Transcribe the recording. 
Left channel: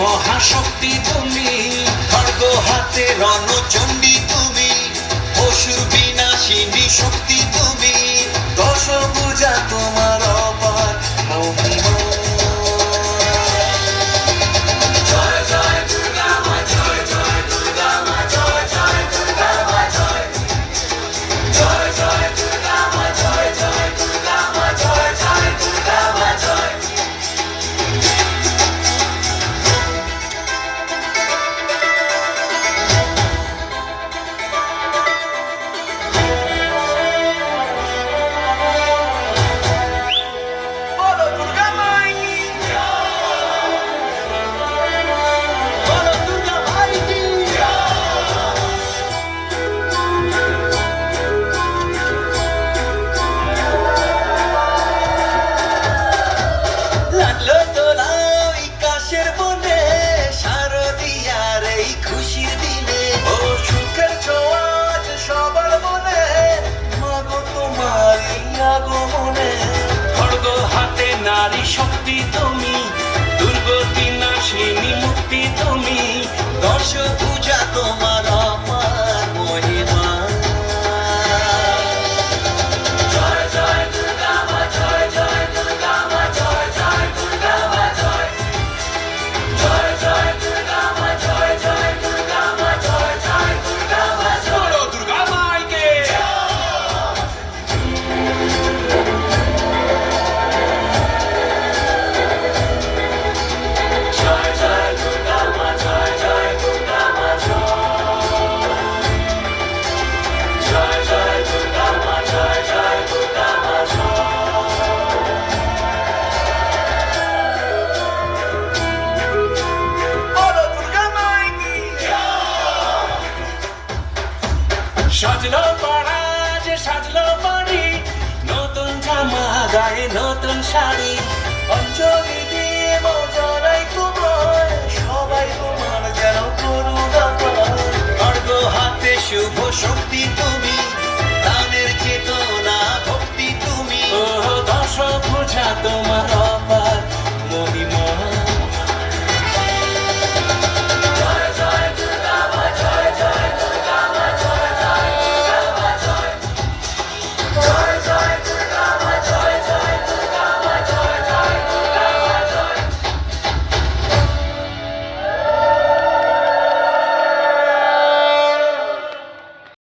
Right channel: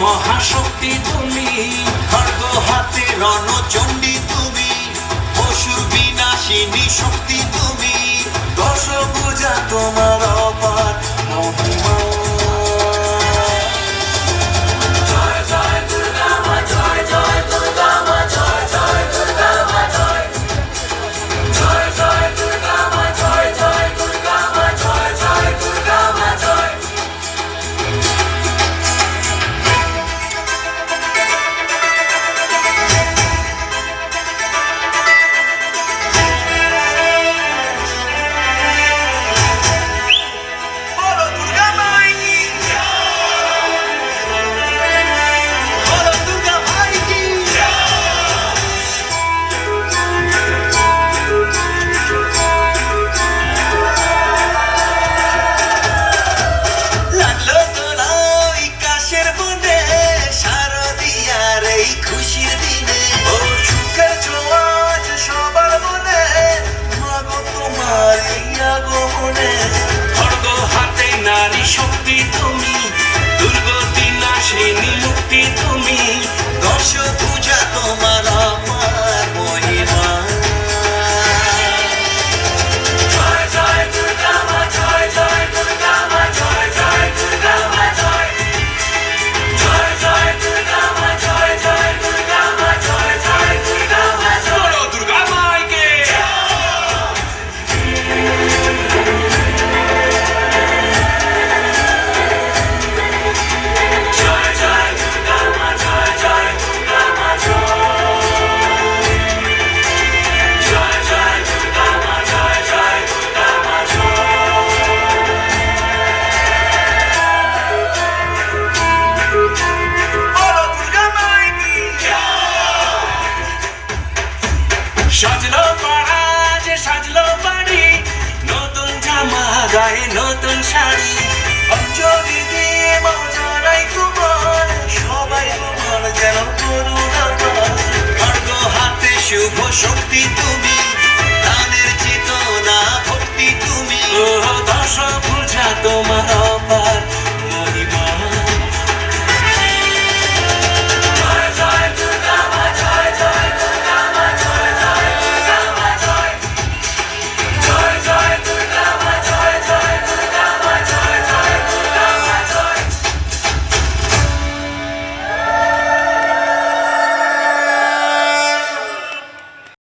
মহাশক্তি তুমি, খড়গ হাতে রণচণ্ডী তুমি, অসুর বিনাশিনী শক্তি তুমি, দশভুজা তোমার অপার মহিমা। নারী শক্তি তুমি, দুর্গতি নাশিনী মুক্তি তুমি, দশভুজা তোমার আমার মহিমা। জয় জয় দুর্গা মা, জয় জয় দুর্গা মা, জয় জয় দুর্গা মা, জয় জয় জয় দুর্গা মা, জয় জয় দুর্গা মা, জয় জয় দুর্গা মা, জয় দুর্গা মাইকে। সাজলো পাড়া যে সাজলো বাড়ি, নতুন জামা গায়ে নতুন শাড়ি, অঞ্জলি দিয়ে মজারাই তোমার, সবাই তোমার যেন করুণা পায়। খড়গ হাতে শুভ শক্তি।